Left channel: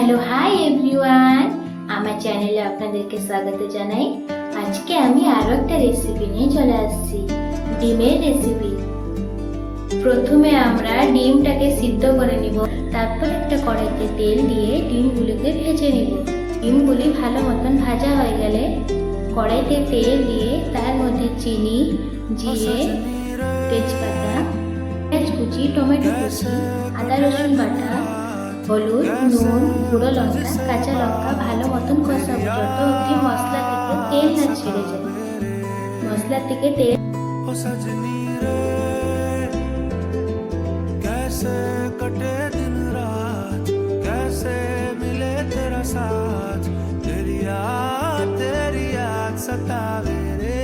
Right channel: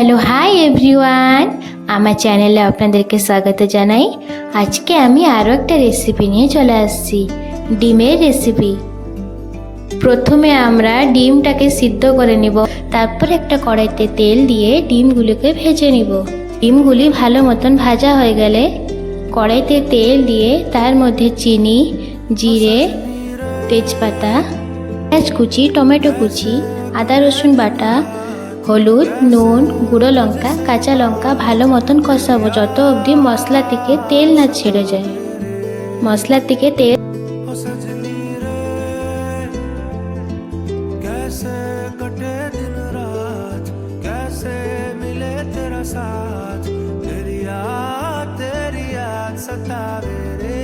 Hello hi everyone, আমার চ্যানেলে আপনাদেরকে স্বাগত জানাই। আজকে আমি আরও একটা রেসিপি নিয়ে চলে আসছি, ডিমের রেসিপি। প্রথমে আমরা ডিমটাকে সিদ্ধ করে নিব, তারপর একটা কড়াইতে তেল দিয়ে ডিমগুলিকে ভেজে নিব। ডিমগুলি ভালো মতন ভাজা হয়ে গেলে কড়াইতে তেল দিয়ে তার মধ্যে চিনি, জিরে, তেজপাতা, পেঁয়াজ কুচি, টমেটো কুচি, আদা রসুন বাটা, হলুদ, নুন, গুঁড়ো লঙ্কা, কাঁচা লঙ্কা ভালো মতন কষাবো যত অবধি মশলা থেকে তেল না ছেড়ে যায়। মশলা থেকে তেল कैसे कटे दिन रात, कैसे मिले तेरा साथ, तेरी याद सतावे रे।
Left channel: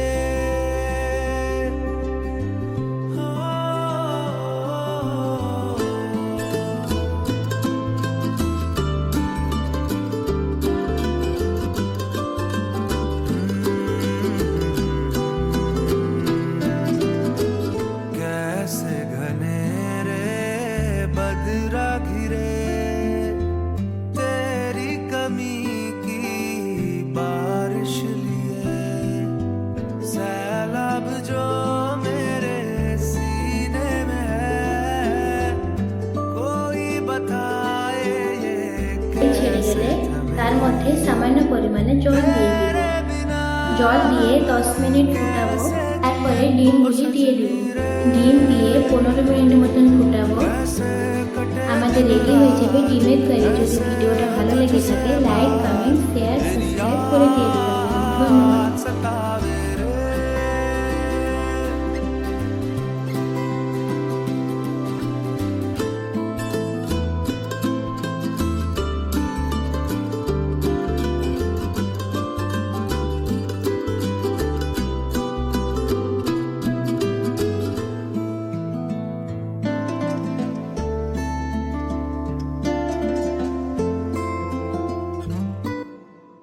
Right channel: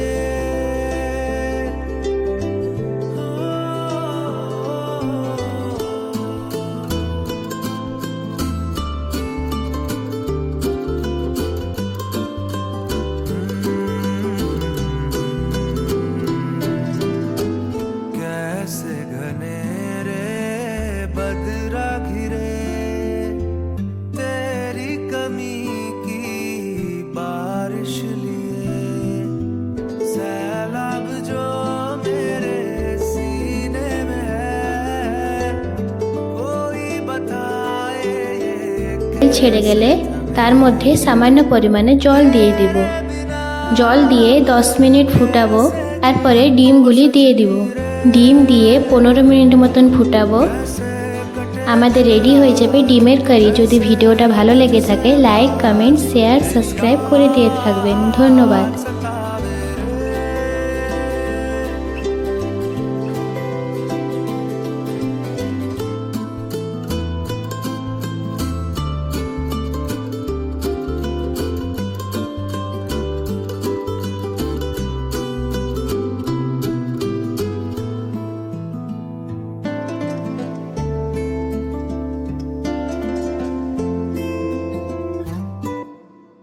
कैसे घने बदरा घिरे तेरी कमी की बारिश लिए, सैलाब जो मेरे सीने में है, कोई बताए ये ছেড়ে গেলে তার মধ্যে সামান্য পরিমাণে জল দিয়ে দিব। জল দিয়ে 10 মিনিট ফুটাবো, তারপরে ডিমগুলি দিয়ে দিব। ডিম দিয়ে 15 মিনিট মতন ফুটাবো। আমাদের রেডি হয়ে যাবে ডিমের কারি। যদি ভিডিওটা ভালো লেগে থাকে লাইক, কমেন্ট, শেয়ার, সাবস্ক্রাইব করে দিয়ে থাকবেন। ধন্যবাদ।